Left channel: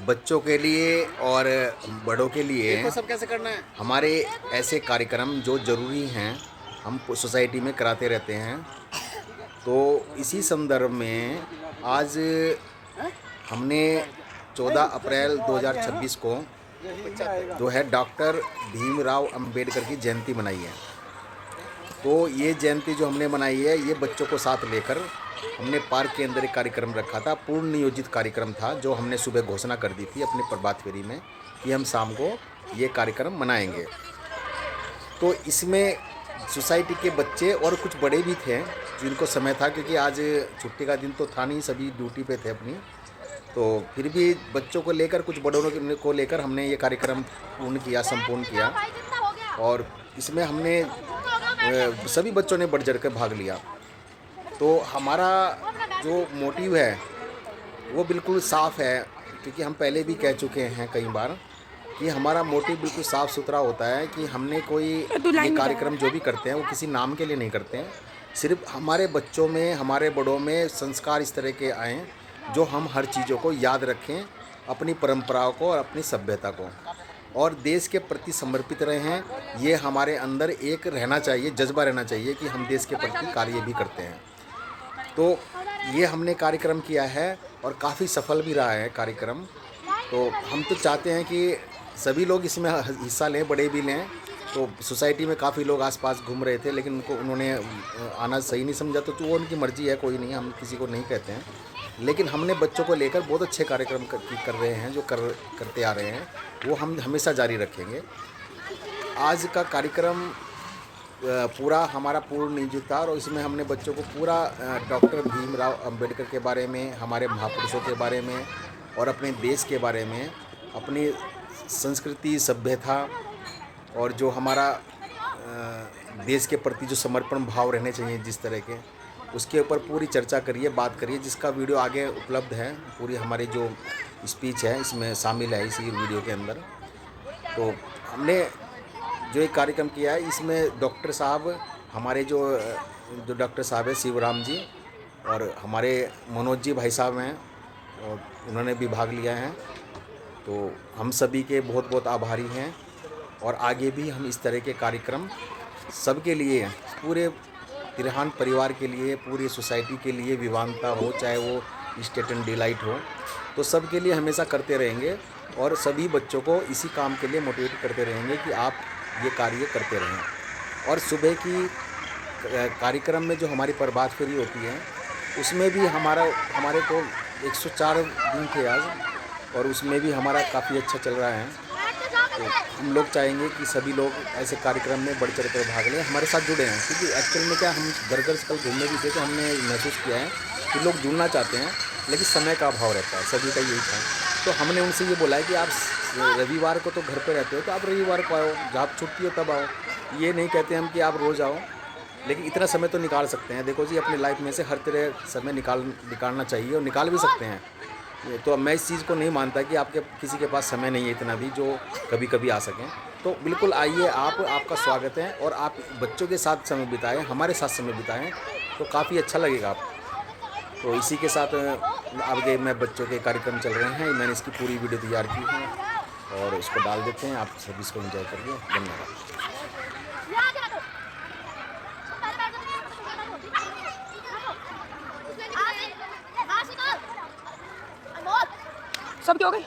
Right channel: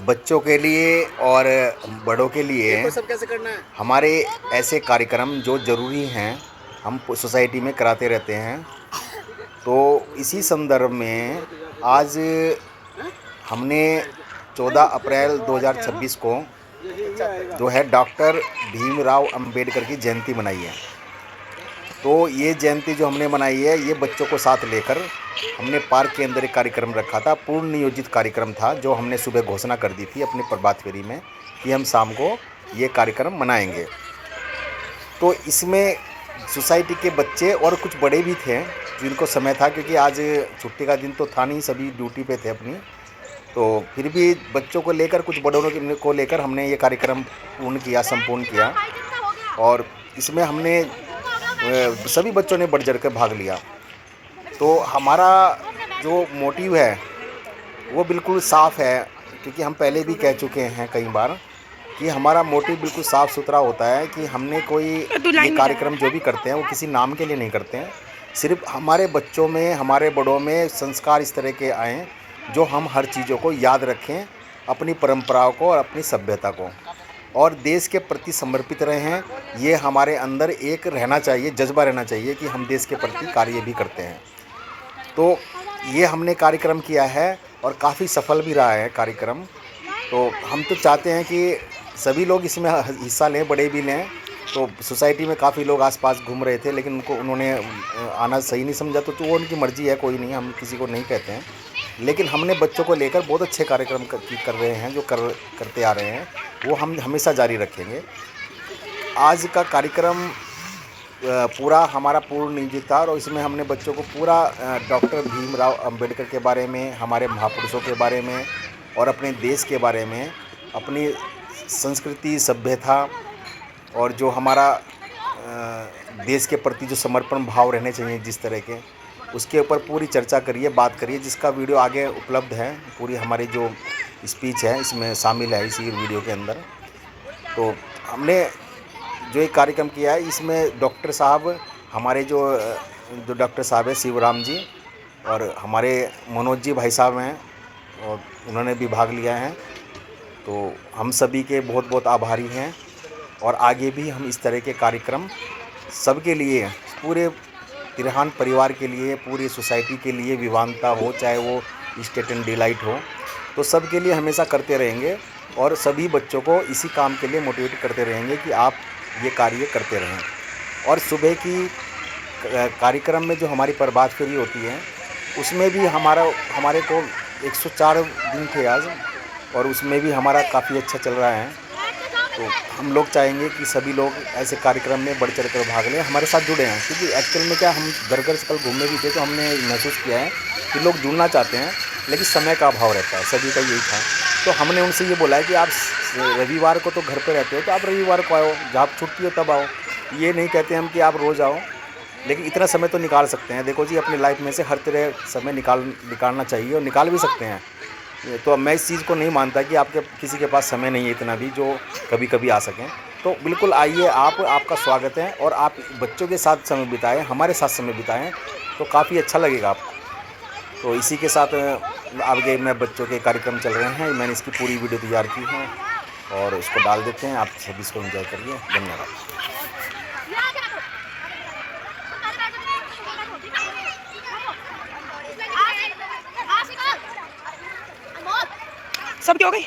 बच्चों के लिए और बड़ों के लिए देखो सब कैसे करना है। हमारे ऐसे कार्यक्रम जो ज़रूरी हैं हम सोसाइटी में कराते रहते हैं। तो इसी संदर्भ में आज हमने 14 अप्रैल 2026 को जो है डॉक्टर भीमराव अंबेडकर की जयंती मनाई है। तो ये जयंती जो हमने मनाई है ये बच्चों को साथ लेकर हमने पार्क के अंदर एक कार्यक्रम रखा था। पूर्ण नियोजित कार्यक्रम था जो हमने सुबह घोषणा कर दी थी अपनी प्रभात फेरी में कि हम शाम को ये कार्यक्रम मनाएंगे। तो इसमें सोसाइटी के बच्चे और कुछ बड़े भी थे जिनको समय था, क्योंकि आज छुट्टी का दिन तो था नहीं, सभी ड्यूटी पे थे अपनी। तो फिर भी बच्चों को लेकर कुछ बड़ों को लेकर हमने ये कार्यक्रम संपूर्ण किया। और इसमें हमने सभी बच्चों ने बढ़ चढ़ कर भाग लिया। तो हमारा जो मोटिव है वो बिल्कुल साफ़ है, क्योंकि हम पहले भी कह चुके हैं कई बार कि हमारा मोटिव बिल्कुल साफ़ सुथरा होता है कि हमने कोई ये कार्यक्रम जो भी करते हैं वो किसी नाम के लिए नहीं करते हैं। सिर्फ हमारे बच्चों में, हमारे बड़ों में संस्कार इस तरह के आएँ जो हम हर चीज़ों को याद रखें, अपनी परंपराओं को और अपनी सभ्यता को, और देश के प्रति समर्पित रहें। ये हमारे अंदर एक रहना चाहिए, जज्बा रहना चाहिए कि हम देश के प्रति कार्य भी करते हैं। तो ये हमने कार्यक्रम किया है और काफ़ी सफल भी रहा है कार्यक्रम। तो हम तो चाहते हैं कि सभी लोग इसमें हिस्सा लें, बड़े भी लें। तो सोसाइटी में काफ़ी लोग आसपास घूम रहे थे, लेकिन उन्होंने आना सही नहीं समझा। तो वो उनकी मर्ज़ी है, कोई नहीं, हम किसी को नहीं कहते हैं। लेकिन हमने बच्चों को लेकर बहुत अच्छे कार्यक्रम कर रहे हैं, जो करते आ रहे हैं वो हम हमेशा जारी रखेंगे। आज का कार्यक्रम पूरा हमारा पूर्ण नियोजित था और इसमें हमने बच्चों को पूरा डॉक्टर भीमराव अंबेडकर के बारे में, हमारे महापुरुषों के बारे में और अपने देश के बारे में, अपनी संस्कृति, सभ्यता और जो हमारा देश के प्रति जो समर्पण भाव रहने चाहिए जिस तरह के, उसके ऊपर पूरी चर्चा करिए, बात करिए, जिसका वीडियो आगे उपलब्ध है। पूरी हमारी जो स्पीच है इसमें शामिल है इसी वीडियो के अंदर। तो हमने जो एक कार्यक्रम किया है इसमें डॉक्टर साहब, हमारे जो डॉक्टर साहब है शिवराम जी, और हमारे मनोज जी भाई साहब हैं और उन्होंने भी भाग लिया है। तो हम सभी के बहुत बहुत आभारी हैं और आगे भी हम इस तरह के कार्यक्रम सबके लिए, पूरे तिरहान परिवार के लिए, पूरी सोसाइटी के लिए, विवानता हो चाहे वो स्टेट एंड डिलाइट हो, तो सबके लिए हमेशा करते रहेंगे और सभी बच्चों को इसी काम के लिए मोटिवेट करते रहेंगे कि आप ये कार्य करते रहें। और सुबह की कार्यक्रम में जो हमारी प्रभात फेरी होती है उसमें भी हमारे को 104 दिन थे आज, और उसमें भी हमारा काफ़ी अच्छा चल रहा है। तो हम लोग चाहेंगे कि सभी लोग ऐसे कार्यक्रम में बढ़ चढ़ कर भाग लें, हमारे साथ जुड़े हैं। क्योंकि एक्चुअल में क्या, हम घर से कल घूमने भी थे तो हमने महसूस किया है कि लोग जुड़ना चाहते हैं लेकिन समय का अभाव रहता है, सभी का यही था। तो हमने उनसे ये बोला है कि आप रविवार को तो घर पे रहते हो तो आप रविवार को आओ, जब छुट्टी हो तब आओ। ये नहीं कहते हम कि आप रोज़ आओ, लेकिन इतना समय तो निकाल सकते हैं। देखो जी, अपनी लाइफ में से हर तरह समय निकालना चाहिए और निकाल भी सकते हैं। तो मैं इस चीज़ को नहीं मानता कि आपके किसी के पास समय नहीं है इतना भी जो कभी कभी आ सकें। तो बिल्कुल आइए, आपका स्वागत है और आप बच्चों के साथ समय बिताएं, हमारे साथ समय बिताएं, तो काफ़ी अच्छा लगेगा आपको। तो इसी के साथ आगे मैं बच्चों के कार्यक्रम चल रहे हैं, मैंने इसकी पूरी वीडियो तैयार की है और इसको डाल देते हैं। आप सभी इसको एंजॉय करिए। धन्यवाद। सबकी हो गई।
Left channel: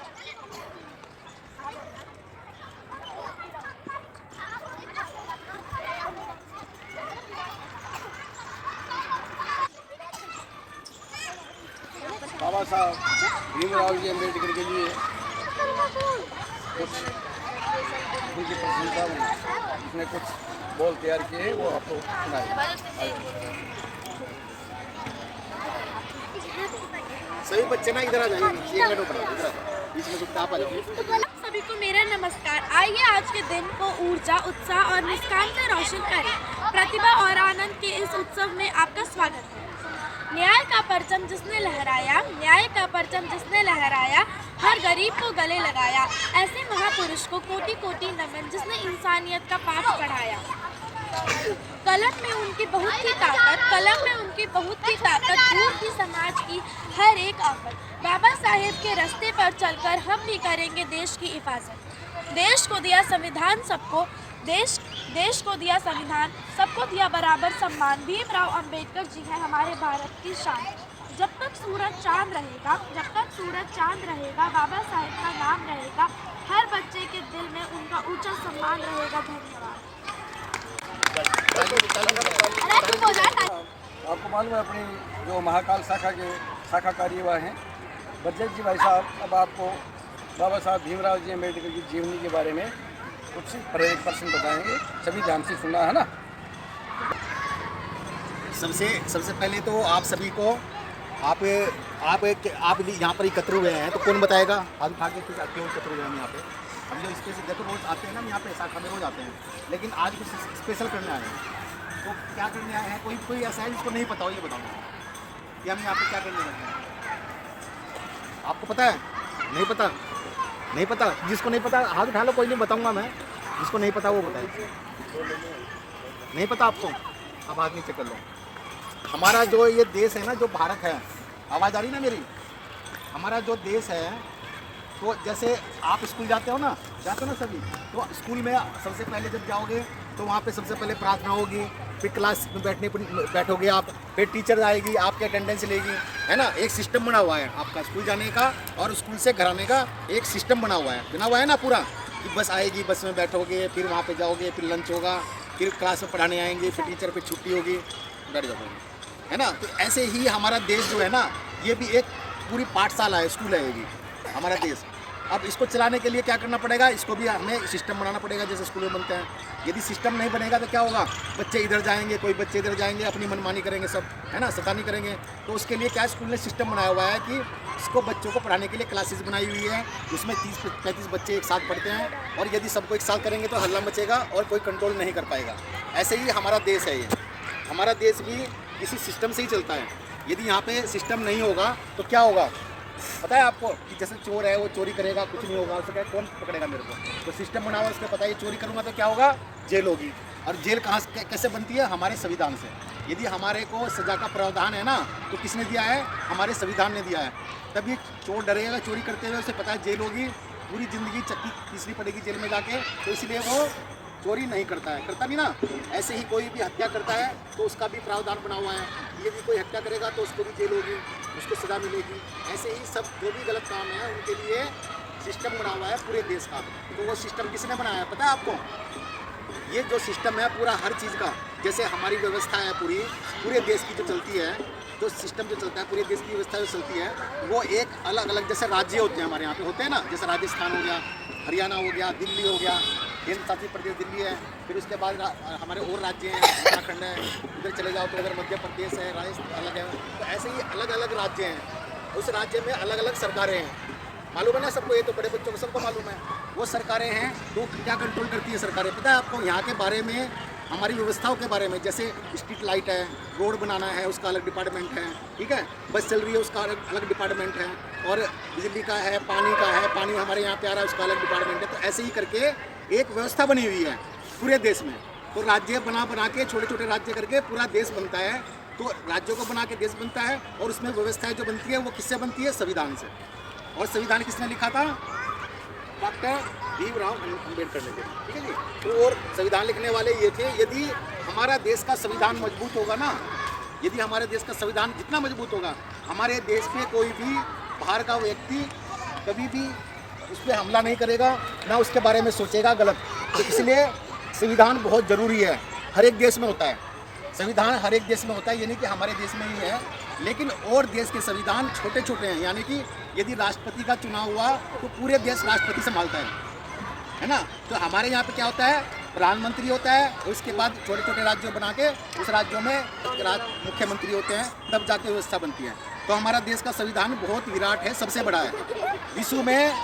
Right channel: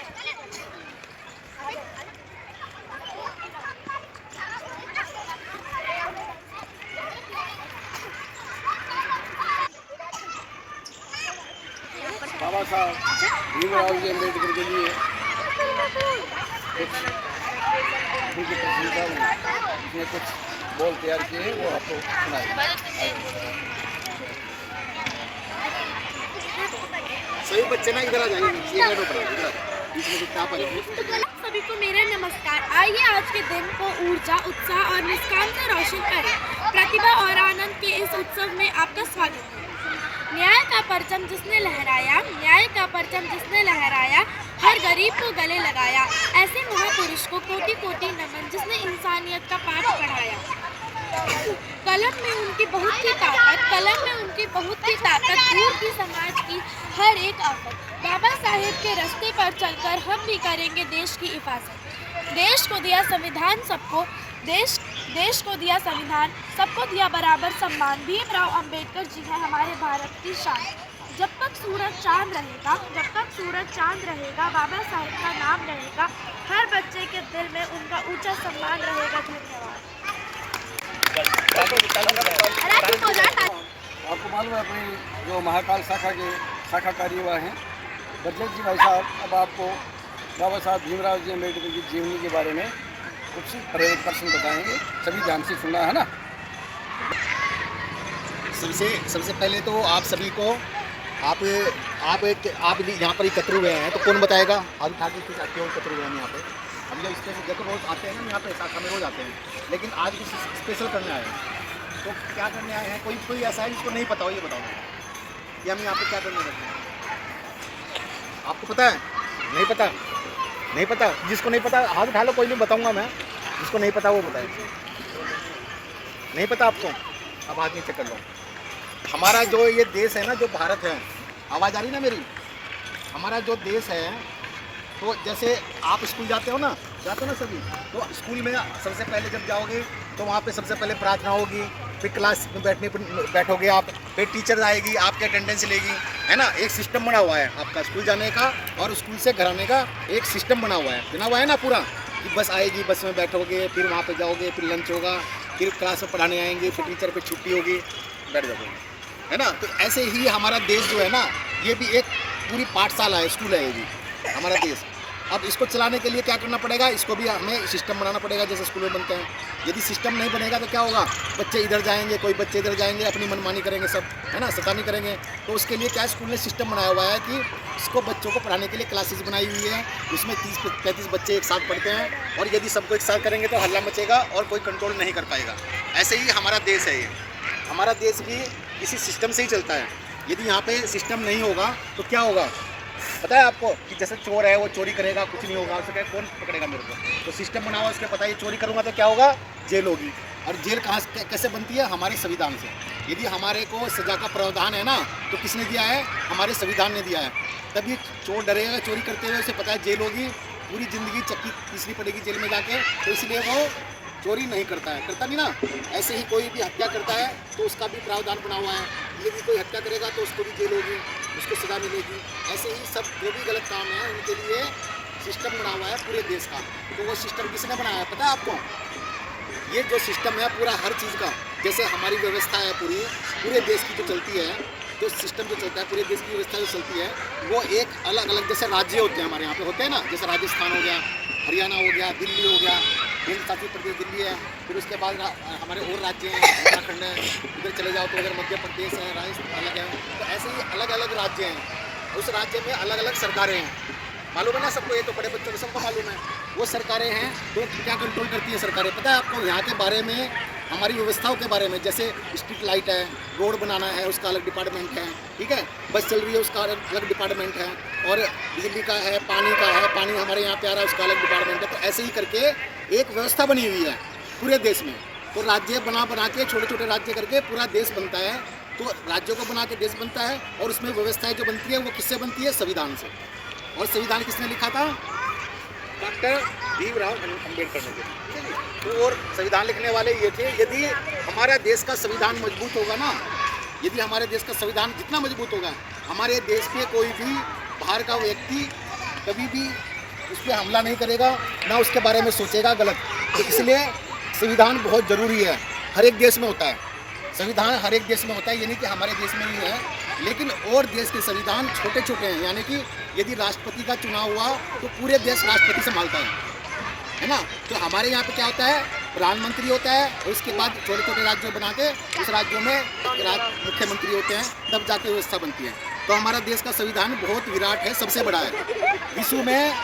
बाबा साहब भीमराव जी अम्बेडकर के लिए कुछ उनकी प्रशंसा में उसने कुछ बोल तैयार किए हैं, वो आपको सुनाएंगे। सभी बच्चे ना इधर आ जाइए, सभी को मेरा नमस्कार। आइए आज के दिन को ऊर्जा, उत्साह और मुस्कान से रोशन करें। प्रतिभा और आनंद के इस उत्सव में आपका स्वागत है। न्याय का परचम जिसने लहराया, न्याय का परचम जिसने लहराया, हर गरीब को गले लगाया, ऐसे महापुरुष को कोटि कोटि नमन जिसने इंसानियत का पाठ पढ़ाया। कलम में उनकी बहुत ही ताकत, कलम में उनकी बहुत ही ताकत, दूर की समाज की हर एक आफत। बाबा साहेब के रास्ते पर चलकर हम भी करेंगे देश की हिफाजत। देश को दिया संविधान सबको, देश को दिया संविधान, सबको दिया बराबर सम्मान। भीमराव अंबेडकर जी है हमारे भारत की शान। जब तक सूरज चांद रहेगा, बाबा साहेब का नाम रहेगा। हर बच्चे के दिल में उनका ऊंचा सम्मान रहेगा। धन्यवाद। आपको मालूम है अपनी जो महाकाल शाखा के शाखा कार्यवाह हैं बजरंग जी भाई साहब, अब आपको बाबा साहब भीमराव जी अम्बेडकर की जीवनी के बारे में कुछ प्रेरक प्रश्न बताएंगे। सभी ध्यान से सुनना है ना। सबसे पहले तो आप सभी को आप यहाँ पर एकत्र हुए हैं, तो कौन बताएगा? आज उठा के क्यों एकत्र हुए हैं यहाँ पे? हम लोग स्पेशल रोज आते हैं ना यहाँ पे, शाखा में रोज आते हैं, लेकिन आज कुछ स्पेशल करने आए हैं। तो क्या करने आए हैं? कोई ऐसा है जिसको नहीं पता हो, ये बताओ कि हम यहाँ पे क्या करने आए हैं? आपको पता है? नहीं पता? नहीं पता? जिसको नहीं पता हाथ उठा लो, कोई नहीं, बताऊँगा मैं। जिसको नहीं पता वो बताए। नहीं पता आपको? अब हाथ नीचे कर लो। हमारा जो ये देश है ना, जो भारत है, आवाज़ आ रही ना मेरी? हमारा जो देश है, तो जैसे आप स्कूल जाते हो ना सभी, तो स्कूल में सबसे पहले जब जाओगे तो वहाँ पे सबसे पहले प्रार्थना होगी, फिर क्लास में बैठोगे आप, फिर टीचर आएगी, आपके अटेंडेंस लेगी, है ना। एक सिस्टम बना हुआ है आपका स्कूल जाने का और स्कूल से घर आने का, एक सिस्टम बना हुआ है ना पूरा, कि बस आएगी, बस में बैठोगे, फिर वहाँ पे जाओगे, फिर लंच होगा, फिर क्लास में पढ़ाने आएंगे, फिर टीचर को छुट्टी होगी, बैठ जाओगे, है ना। तो ऐसे ही हमारा देश जो है ना, ये भी एक पूरी पाठशाला है, स्कूल है ये भी हमारा देश। अब इसको चलाने के लिए क्या करना पड़ेगा? इसको भी हमें सिस्टम बनाना पड़ेगा, जैसे स्कूल में बनते हैं। यदि सिस्टम नहीं बनेगा तो क्या होगा? बच्चे इधर जाएंगे, कोई बच्चे इधर जाएंगे, अपनी मनमानी करेंगे सब, है ना, शैतानी करेंगे। तो उसके लिए क्या स्कूल ने सिस्टम बनाया हुआ है कि इसको बच्चों को पढ़ाने के लिए क्लासेस बनाई हुई है, उसमें 30-35 बच्चे एक साथ पढ़ते हैं, और यदि सबको एक साथ करेंगे तो हल्ला मचेगा और कोई कंट्रोल नहीं कर पाएगा। ऐसे ही हमारा देश है, ये हमारा देश भी इसी सिस्टम से ही चलता है। यदि यहाँ पे सिस्टम नहीं होगा तो क्या होगा पता है आपको? कि जैसे चोर है वो चोरी करेगा, कुछ नहीं होगा, उसको कौन पकड़ेगा मेरे को? तो सिस्टम बना हुआ, उसके पता है ये चोरी करूँगा तो क्या होगा? जेल होगी। और जेल कैसे बनती है? हमारे संविधान से। यदि हमारे को सजा का प्रावधान है ना, तो किसने दिया है? हमारे संविधान ने दिया है। तभी चोर डरेगा चोरी करते हुए, उसे पता है जेल होगी, पूरी ज़िंदगी चक्की पीसनी पड़ेगी जेल में जाके, तो इसलिए वो चोरी नहीं करता नहीं ना। ऐसे ही कोई भी हत्या करता है तो उसका भी प्रावधान बना हुआ है, यदि कोई हत्या करेगा तो उसको भी जेल होगी, उसको सज़ा मिलेगी। ऐसे ही सब जो भी गलत काम है उनके लिए सिस्टम बना हुआ है पूरे देश का। तो वो सिस्टम किसने बनाया है पता है आपको? ये जो सिस्टम है पूरा हर चीज़ का, जैसे हमारी व्यवस्था है पूरे देश की जो चलती है, जो सिस्टम जो चलता है, पूरे देश की व्यवस्था जो चलती है, वो एक अलग अलग जैसे राज्य होते हैं हमारे यहाँ पे होते हैं ना, जैसे राजस्थान हो गया, हरियाणा हो गया, दिल्ली हो गया, केंद्र शासित प्रदेश दिल्ली है, फिर उसके बाद हमारे और राज्य हैं, उत्तराखंड है, उधर चले जाओ तो उधर मध्य प्रदेश है, राजस्थान अलग है। तो ऐसे ही अलग अलग राज्य हैं, उस राज्य में अलग अलग सरकारें हैं, मालूम है ना सबको? ये तो बड़े बच्चों को सबको मालूम है। वो सरकारें हैं तो क्या कंट्रोल करती है सरकारें पता है आपको? यहाँ के बारे में, हमारी व्यवस्थाओं के बारे में, जैसे स्ट्रीट लाइट है, रोड बनाना है उसका अलग डिपार्टमेंट है, ठीक है, बस चल रही है उसका अलग डिपार्टमेंट है, और बिजली का है, पानी हमारे यहाँ पे आ रहा है उसका अलग डिपार्टमेंट है। तो ऐसे ही करके एक व्यवस्था बनी हुई है पूरे देश में। तो राज्य बना के छोटे छोटे राज्य करके पूरा देश बनता है। तो राज्यों को बना के देश बनता है, और उसमें व्यवस्थाएं जो बनती है वो किससे बनती है? संविधान से। और संविधान किसने लिखा था? डॉक्टर भीमराव अम्बेडकर ने, ठीक है जी। तो और संविधान लिखने वाले ये थे। यदि हमारा देश का संविधान मजबूत होगा ना, यदि हमारे देश का संविधान जितना मजबूत होगा, हमारे देश में कोई भी बाहर का व्यक्ति कभी भी उस पर हमला नहीं करेगा, ना उसके बारे में सोचेगा गलत। तो इसलिए संविधान बहुत ज़रूरी है, हर एक देश में होता है संविधान, हर एक देश में होता है। ये नहीं कि हमारे देश में ही है, लेकिन और देश के संविधान छोटे छोटे हैं। यानी कि यदि राष्ट्रपति का चुनाव हुआ तो पूरे देश राष्ट्रपति संभालता है ना। तो हमारे यहाँ पे क्या होता है? प्रधानमंत्री होता है, और उसके बाद छोटे छोटे राज्यों बना के उस राज्यों में मुख्यमंत्री होते हैं, तब जाके व्यवस्था बनती है। तो हमारा देश का संविधान बहुत विराट है, सबसे बड़ा है विश्व में,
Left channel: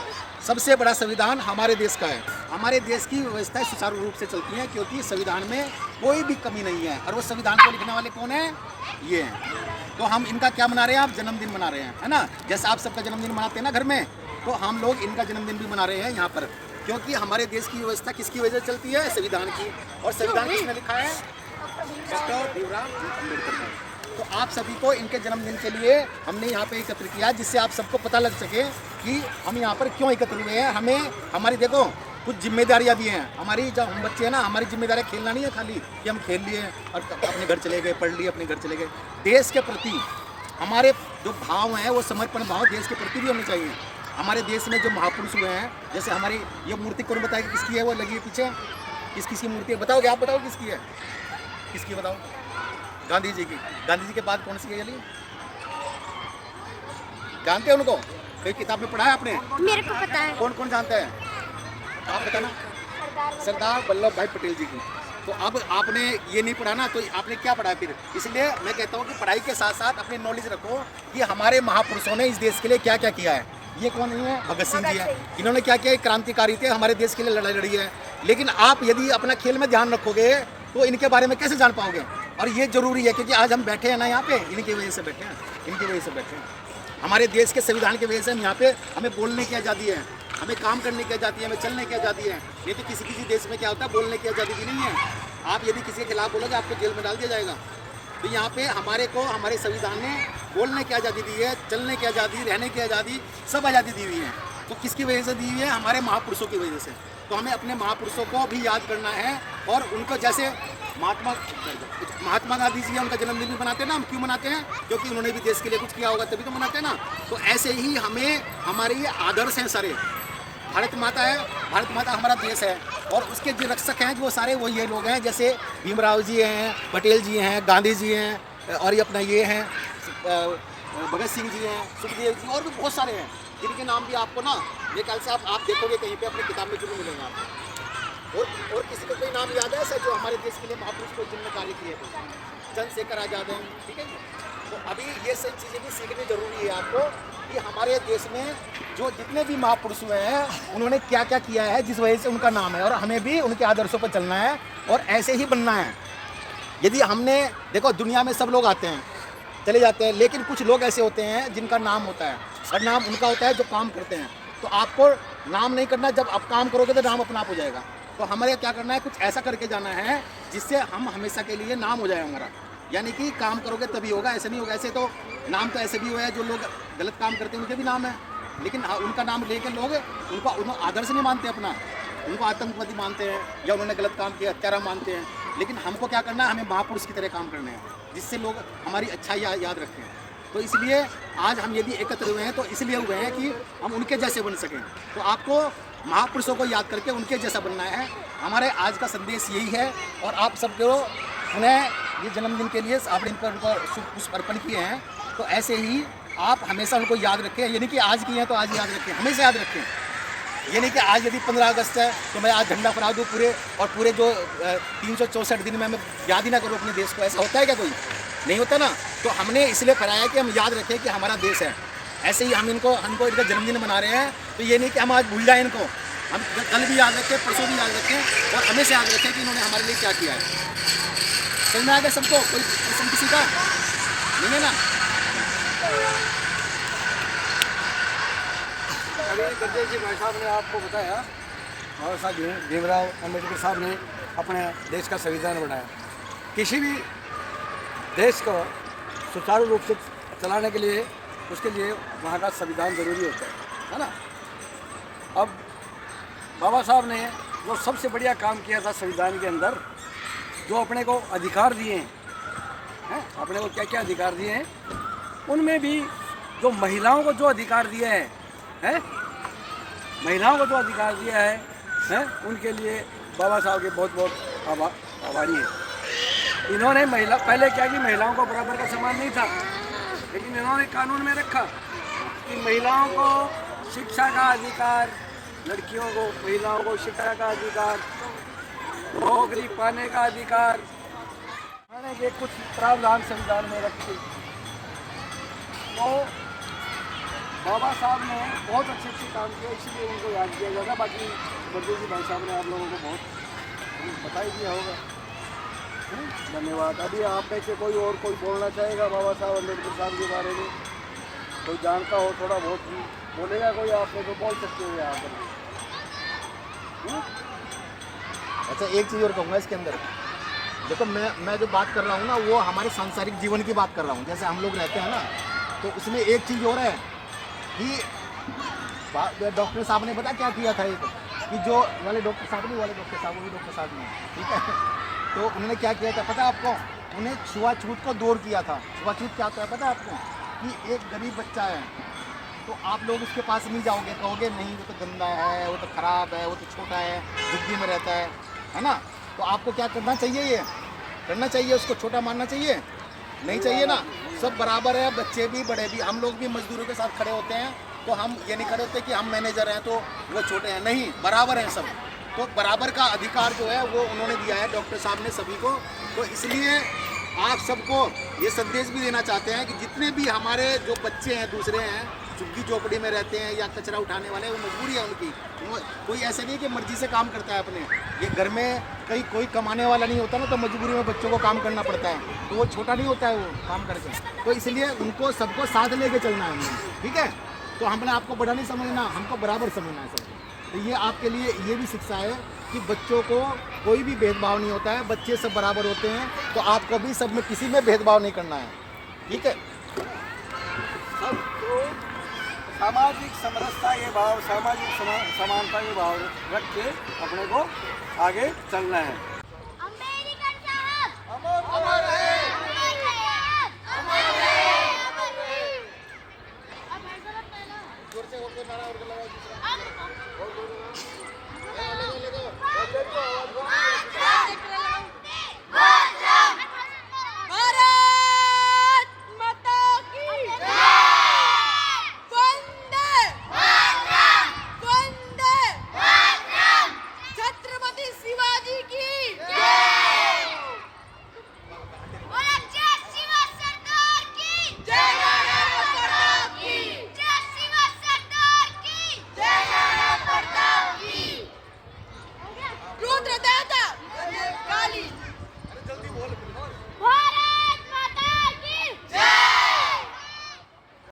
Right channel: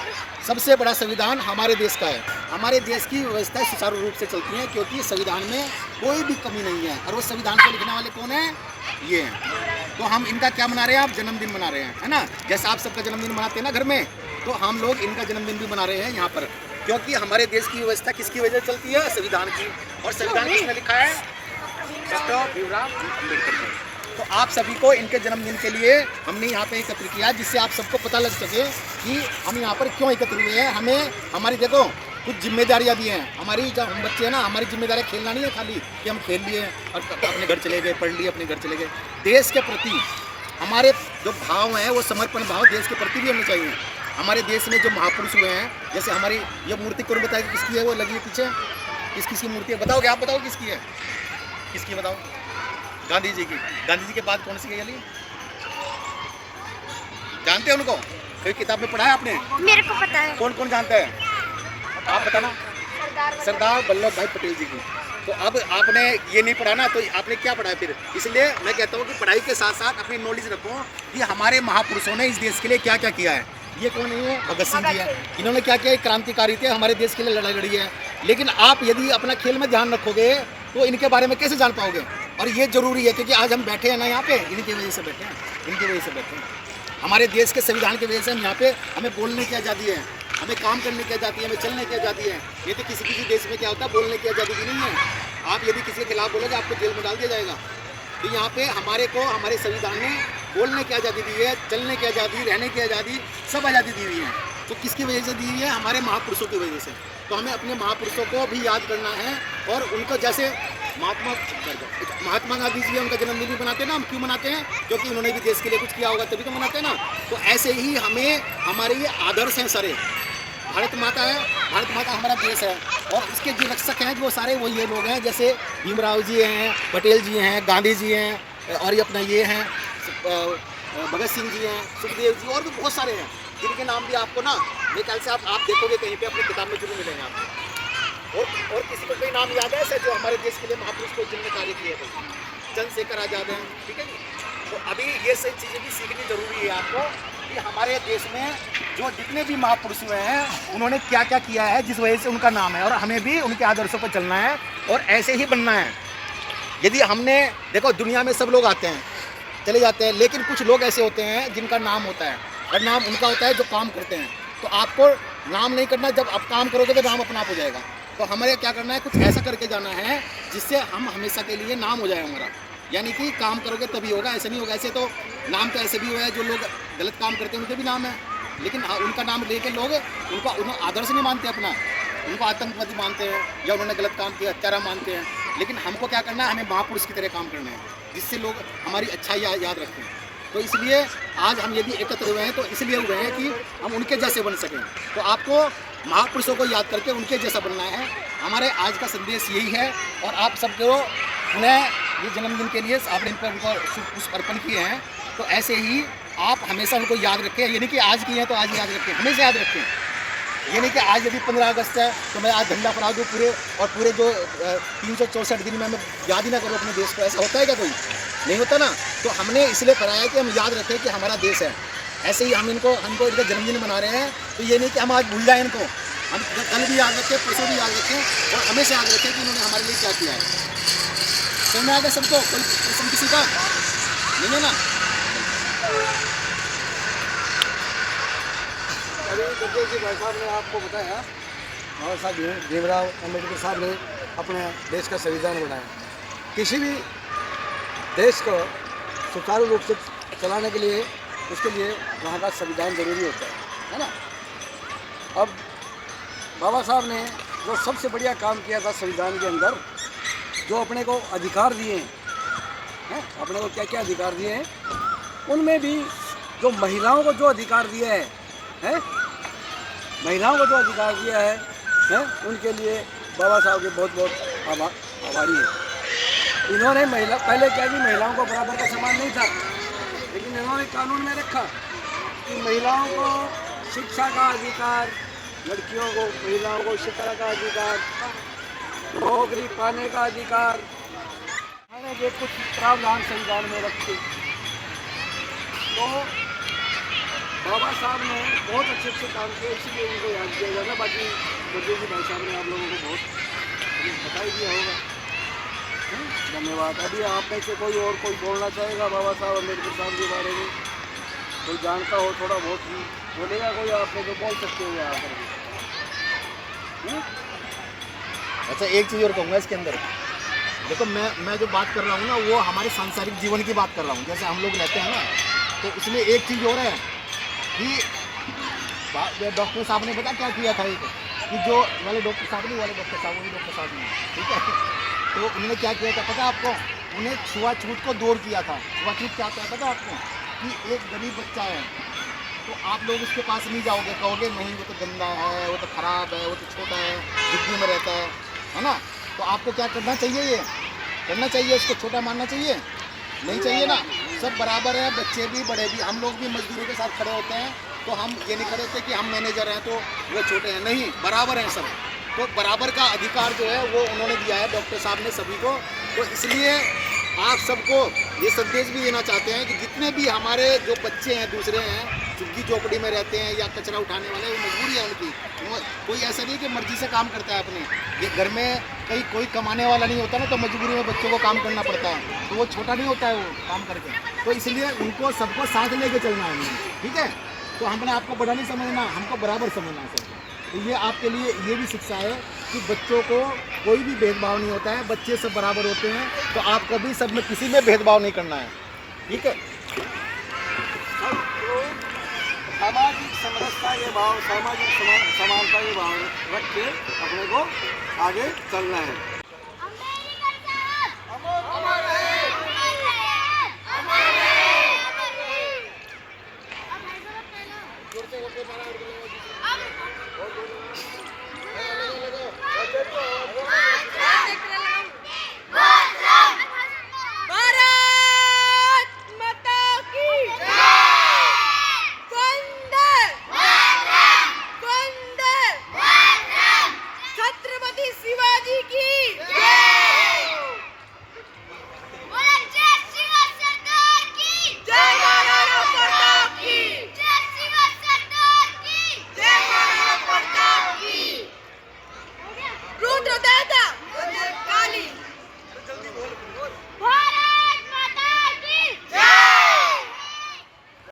सबसे बड़ा संविधान हमारे देश का है। हमारे देश की व्यवस्थाएं सुचारू रूप से चलती हैं, क्योंकि संविधान में कोई भी कमी नहीं है। और वो संविधान को लिखने वाले कौन है? ये हैं। तो हम इनका क्या मना रहे हैं? आप जन्मदिन मना रहे हैं, है ना। जैसे आप सबका जन्मदिन मनाते हैं ना घर में, तो हम लोग इनका जन्मदिन भी मना रहे हैं यहाँ पर, क्योंकि हमारे देश की व्यवस्था किसकी वजह से चलती है? संविधान की। और संविधान किसने लिखा है? डॉक्टर भीमराव अम्बेडकर जी। तो आप सभी को इनके जन्मदिन के लिए हमने यहाँ पे एकत्र किया, जिससे आप सबको पता लग सके कि हम यहाँ पर क्यों एकत्र हुए हैं। हमें हमारी देखो कुछ जिम्मेदारियाँ भी हैं हमारी, जब हम बच्चे हैं ना, हमारी जिम्मेदारी खेलना नहीं है खाली कि हम खेल लिए और अपने घर चले गए, पढ़ लिए अपने घर चले गए। देश के प्रति हमारे जो भाव हैं वो समर्पण भाव देश के प्रति भी होने चाहिए। हमारे देश में जो महापुरुष हुए हैं, जैसे हमारी ये मूर्ति कौन बताए कि किसकी है, वो लगी है पीछे, किसकी मूर्ति है बताओगे? आप बताओ किसकी है, किसकी बताओ? गांधी जी की। गांधी जी के बाद कौन सी है ये? जानते हैं उनको? कोई किताब में पढ़ा है आपने? मेरे को पता है। कौन कौन जानता है? आप बताना। सरदार वल्लभ भाई पटेल जी की। तो अब आपने ये नहीं पढ़ा ना, तो आपने क्या पढ़ा फिर? इसलिए मैं कहता हूँ कि पढ़ाई के साथ साथ अपनी नॉलेज रखो कि हमारे महापुरुषों ने इस देश के लिए क्या क्या किया है। ये कौन है? भगत सिंह जी है। इन्होंने क्या किया? क्रांतिकारी थे, हमारे देश के लिए लड़ाई लड़ी है। लेकिन आप यदि अपना खेल में ध्यान रखोगे तो इनके बारे में कैसे जान पाओगे? और ये जरूरी है क्योंकि आज हम बैठे हैं ना यहाँ पे, इनकी वजह से बैठे हैं, इनकी वजह से बैठे हैं। हमारे देश के संविधान की वजह से हम यहाँ पे, हमें बोलने की आज़ादी है, हमें काम करने की आज़ादी है, हमें चलने की आज़ादी है। ये तो किसी किसी देश में क्या होता है, बोलने की आज़ादी भी नहीं है। आप यदि किसी के खिलाफ बोलोगे आपको जेल में डाल दिया जाएगा। तो यहाँ पे हमारे को हमारे संविधान ने बोलने की आज़ादी दी है, चलने की आज़ादी, रहने की आज़ादी, सब आज़ादी दी हुई है। तो किसकी वजह से दी हुई है? हमारे महापुरुषों की वजह से। तो हमें अपने महापुरुषों को भी याद करना है और उनको, जैसे महात्मा गांधी जी उनका जन्मदिन भी मनाते हैं ना, हम क्यों मनाते हैं? क्योंकि उन्होंने भी देश के लिए कुछ किया होगा तभी तो मनाते हैं ना। तो ऐसे ही हमें, हमारे ये आदर्श हैं सारे। भारत माता है, भारत माता हमारा देश है और उसके जो रक्षक हैं वो सारे वो ये लोग हैं, जैसे भीमराव जी हैं, पटेल जी हैं, गांधी जी हैं और ये अपना ये हैं भगत सिंह जी हैं, सुखदेव जी, और भी बहुत सारे हैं जिनके नाम भी आपको ना मेरे ख्याल से आप देखोगे कहीं पे अपनी किताब में जरूर मिलेंगे आपको। और किसी को कोई नाम याद है ऐसा जो हमारे देश के लिए महापुरुष को जिनने कार्य किए थे? चंद्रशेखर आजाद हैं, ठीक है। तो अभी ये सही चीज़ें भी सीखनी जरूरी है आपको कि हमारे देश में जो जितने भी महापुरुष हुए हैं उन्होंने क्या क्या किया है, जिस वजह से उनका नाम है, और हमें भी उनके आदर्शों पर चलना है और ऐसे ही बनना है। यदि हमने देखो, दुनिया में सब लोग आते हैं चले जाते हैं, लेकिन कुछ लोग ऐसे होते हैं जिनका नाम होता है और नाम उनका होता है जो काम करते हैं। तो आपको नाम नहीं करना, जब आप काम करोगे तो नाम अपना आप हो जाएगा। तो हमें क्या करना है, कुछ ऐसा करके जाना है जिससे हम हमेशा के लिए नाम हो जाए हमारा। यानी कि काम करोगे तभी होगा, ऐसे नहीं होगा। ऐसे तो नाम तो ऐसे भी हुआ है, जो लोग गलत काम करते हैं उनके भी नाम है, लेकिन उनका नाम लेकर लोग उनको आदर्श नहीं मानते अपना, उनको आतंकवादी मानते हैं या उन्होंने गलत काम किया हत्यारा मानते हैं। लेकिन हमको क्या करना है, हमें महापुरुष की तरह काम करना है जिससे लोग हमारी अच्छाई याद रखें। तो इसलिए आज हम यदि एकत्र हुए हैं तो इसलिए हुए हैं कि हम उनके जैसे बन सकें। तो आपको महापुरुषों को याद करके उनके जैसा बनना है। हमारे आज का संदेश यही है। और आप सबको पुनः ये जन्मदिन के लिए आपने उनको पुष्प अर्पण किए हैं, तो ऐसे ही आप हमेशा उनको याद रखें। ये नहीं कि आज किए हैं तो आज याद रखें, हमेशा याद रखें। ये नहीं कि आज यदि 15 अगस्त है तो मैं आज झंडा फहरा दूँ पूरे जो 364 दिन में मैं याद ही ना करूँ अपने देश को। ऐसा होता है क्या? कोई नहीं होता ना। तो हमने इसलिए फहराया कि हम याद रखें कि हमारा देश है। ऐसे ही हम इनका जन्मदिन मना रहे हैं, तो ये नहीं कि हम आज भूल जाएं इनको, हम कल भी याद रखें, परसों भी याद रखें और हमेशा याद रखें कि इन्होंने हमारे लिए क्या किया है। समझ में आ गया सबको? कोई प्रश्न किसी का नहीं है ना? अभी गुरदेव जी भाई साहब ने आपको बताया, बाबा साहब भीमराव अम्बेडकर साहब ने अपने देश का संविधान बनाया। किसी भी देश को सुचारू रूप से चलाने के लिए उसके लिए वहाँ का संविधान जरूरी होता है ना। अब बाबा साहब ने जो सबसे बढ़िया काम किया था संविधान के अंदर, जो अपने को अधिकार दिए हैं, अपने को क्या क्या अधिकार दिए हैं, उनमें भी जो महिलाओं को जो अधिकार दिया है, महिलाओं को जो अधिकार दिया है, उनके लिए बाबा साहब के बहुत बहुत आभारी है। इन्होंने पहले क्या कि महिलाओं को बराबर का सम्मान नहीं था, लेकिन इन्होंने कानून में रखा कि महिलाओं को शिक्षा का अधिकार, लड़कियों को, महिलाओं को शिक्षा का अधिकार, नौकरी पाने का अधिकार, खाने के कुछ प्रावधान संविधान में रखे। तो बाबा साहब ने बहुत अच्छे काम किए, इसीलिए उनको याद किया जाता। बाकी गुरदेव जी भाई साहब ने आप लोगों को बहुत बता ही दिया होगा। धन्यवाद। अभी आप में से कोई बोलना चाहेगा बाबा साहब अम्बेडकर साहब के बारे में? कोई जानता हो थोड़ा बहुत भी बोलेगा कोई? आप में तो बोल सकते हो यहाँ पर। अच्छा, एक चीज़ और कहूँगा इसके अंदर, देखो मैं जो बात कर रहा हूँ ना वो हमारे सांसारिक जीवन की बात कर रहा हूँ। जैसे हम लोग रहते हैं ना, तो उसमें एक चीज़ और है कि डॉक्टर साहब ने पता क्या किया था, एक कि जो वाले डॉक्टर साहब नहीं, वाले डॉक्टर साहब, वो भी डॉक्टर साहब नहीं, ठीक है। तो उन्होंने क्या किया था पता है आपको, उन्हें छुआछूत को दूर किया था। छुआछूत क्या होता है पता है आपको, कि एक गरीब बच्चा है तो आप लोग उसके पास नहीं जाओगे, कहोगे नहीं वो तो गंदा है, वो तो ख़राब है, वो तो छोटा है, झुग्गी में रहता है ना। तो आपको क्या करना चाहिए, ये करना चाहिए, उसको छोटा मानना चाहिए, नहीं चाहिए ना। सब बराबर है, बच्चे भी बड़े भी, हम लोग भी मजदूरों के साथ खड़े होते हैं। तो हम ये नहीं खड़े होते कि हम मैनेजर हैं तो वो छोटे हैं, नहीं, बराबर हैं सब। तो बराबर का अधिकार जो है वो उन्होंने दिया है डॉक्टर साहब ने सभी को। तो इसलिए आप सबको ये संदेश भी देना चाहते हैं कि जितने भी हमारे जो बच्चे हैं दूसरे हैं, झुग्गी झोपड़ी में रहते हैं या कचरा उठाने वाले, वो मजबूरी है उनकी। कोई ऐसा नहीं है कि मर्जी से काम करता है अपने, ये घर में कहीं कोई कमाने वाला नहीं होता ना, तो मजबूरी में बच्चों को काम करना पड़ता है, तो वो छोटा नहीं होता है वो काम करके। तो इसलिए उनको सबको साथ लेके चलना है, ठीक है। तो हमने आपको बड़ा नहीं समझना, हमको बराबर समझना है सबको। तो ये आपके लिए ये भी शिक्षा है कि बच्चों को कोई भी भेदभाव नहीं होता है, बच्चे सब बराबर होते हैं। तो आप कभी सब में किसी में भेदभाव नहीं करना है, ठीक है। सबको सामाजिक समरसता के भाव, सामाजिक समानता के भाव रख के अपने को आगे चलना है। अमेरिकन साहब अमर रहे। अब भाई साहब पहले जोर से वोट नारा और लगाओ दूसरा। भारत माता की वंदे वंदे छत्रपति शिवाजी की जय शिवा सरदार की जय महाराणा प्रताप की जय शिवा सरदार की जय महाराणा प्रताप की। रुद्रदाता काली जल्दी बोल।